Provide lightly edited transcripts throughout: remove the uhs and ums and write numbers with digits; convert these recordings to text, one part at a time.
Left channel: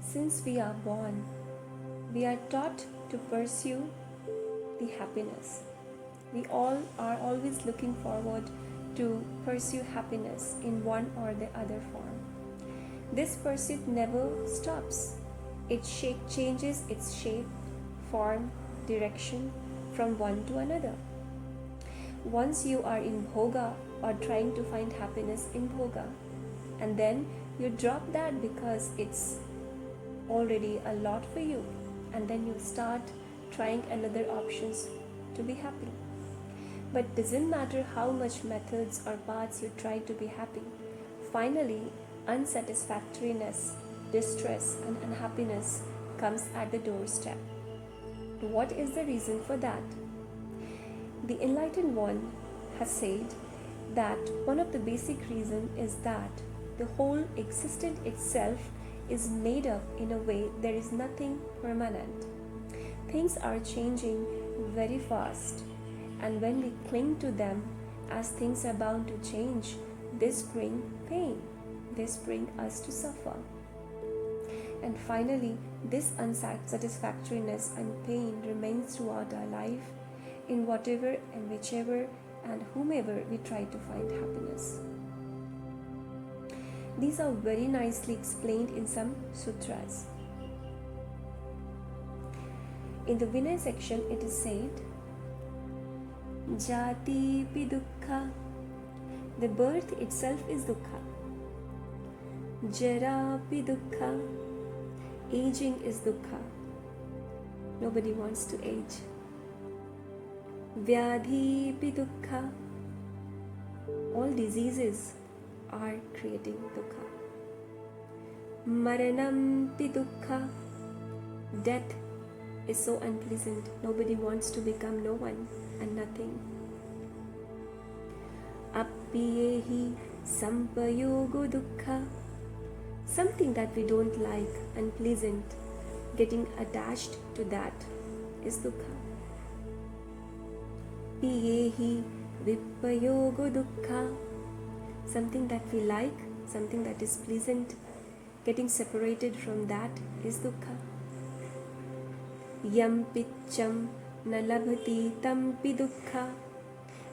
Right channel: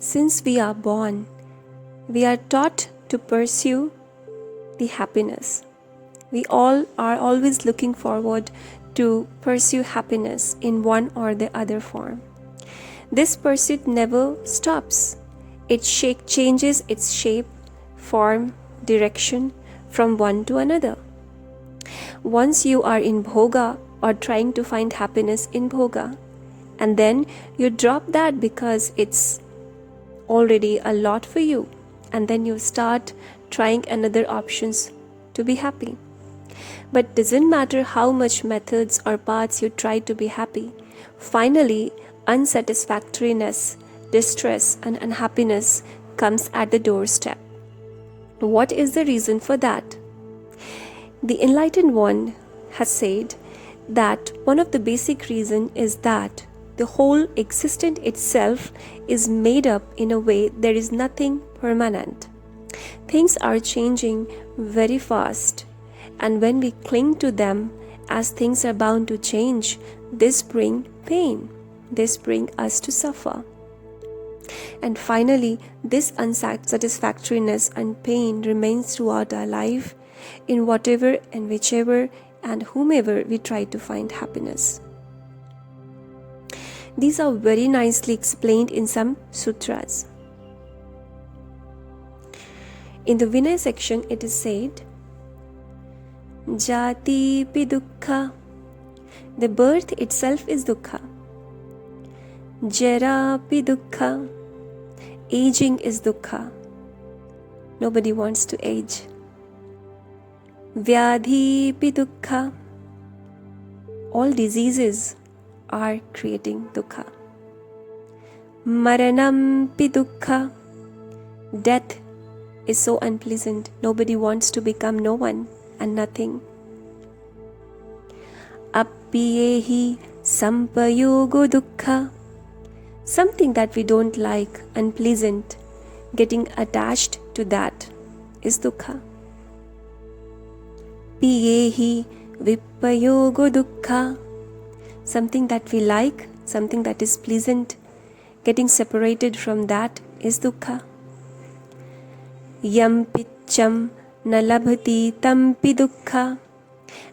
Since we are born, we are taught to pursue the happiness. We all are always looking forward to pursue happiness in one or the other form. This pursuit never stops. It changes its shape, form, direction from one to another. Once you are in bhoga or trying to find happiness in bhoga, and then you drop that because it's already a lot for you, and then you start trying another options to be happy. But doesn't matter how much methods or paths you try to be happy, finally unsatisfactoriness, distress and unhappiness comes at the doorstep. What is the reason for that? The Enlightened One has said that one of the basic reasons is that the whole existence itself is made up in a way there is nothing permanent. Things are changing very fast, and when we cling to them as things are bound to change, this brings pain. This brings us to suffer. And finally, this unsatisfactoriness and pain remains throughout our life in whatever and whichever and whomever we try to find happiness. These are very nicely explained in some sutras. In the Vinay section, it is said, Jati pi dukkha. The birth itself is dukkha. Jara pi dukkha. Aging is dukkha. Nobody wants to age. Vyadhi pi dukkha. All diseases are creating dukkha. Maranam pi dukkha. Death is so unpleasant. Nobody wants to become no one and nothing. Appiyehi sampayogo dukkha. Something that we don't like, unpleasant, getting attached to that is dukkha. Piyehi vipayogo dukkha. Something that we like, something that is pleasant, getting separated from that is dukkha. Yam picham na labhati tampi dukkha.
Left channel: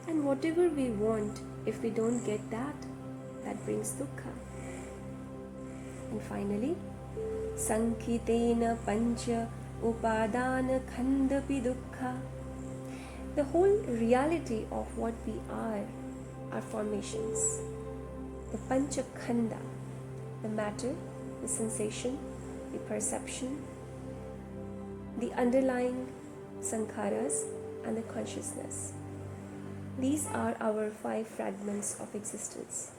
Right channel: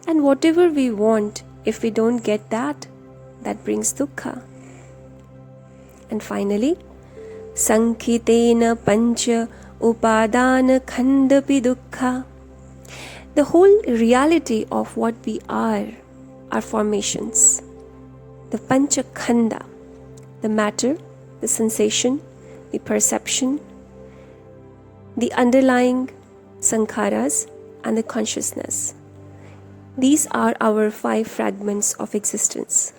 And whatever we want, if we don't get that, that brings dukkha. And finally, Sankhitena pancha upadana khandapi dukkha. The whole reality of what we are formations. The pancha khanda, the matter, the sensation, the perception, the underlying sankharas and the consciousness. These are our 5 fragments of existence.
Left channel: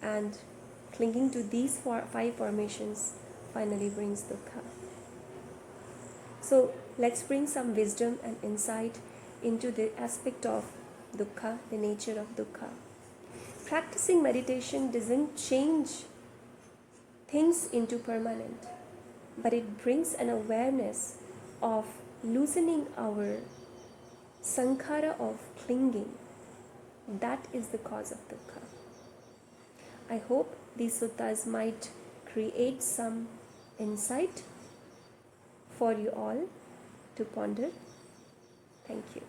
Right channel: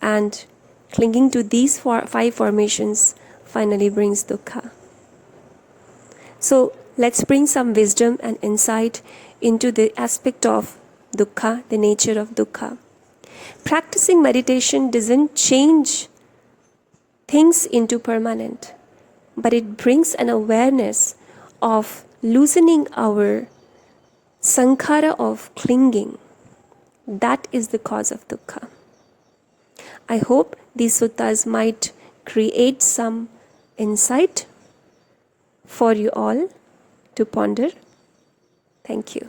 And clinging to these 5 formations finally brings dukkha. So let's bring some wisdom and insight into the aspect of dukkha, the nature of dukkha. Practicing meditation doesn't change things into permanent, but it brings an awareness of loosening our sankhara of clinging. That is the cause of dukkha. I hope these suttas might create some insight for you all to ponder. Thank you.